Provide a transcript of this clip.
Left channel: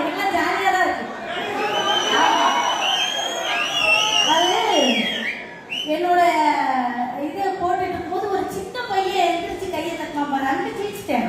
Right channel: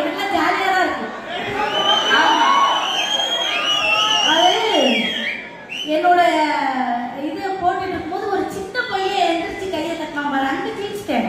இருக்கு, எனக்கு ஜாலியா தான் இருக்கு. அது என்னோட இது போட்டுட்டு இருக்கும்போது ஒரு சின்ன பையன் எந்திரிச்சு கையை தட்டினா பாரு, அங்க ஜீச்சிட்டேன்.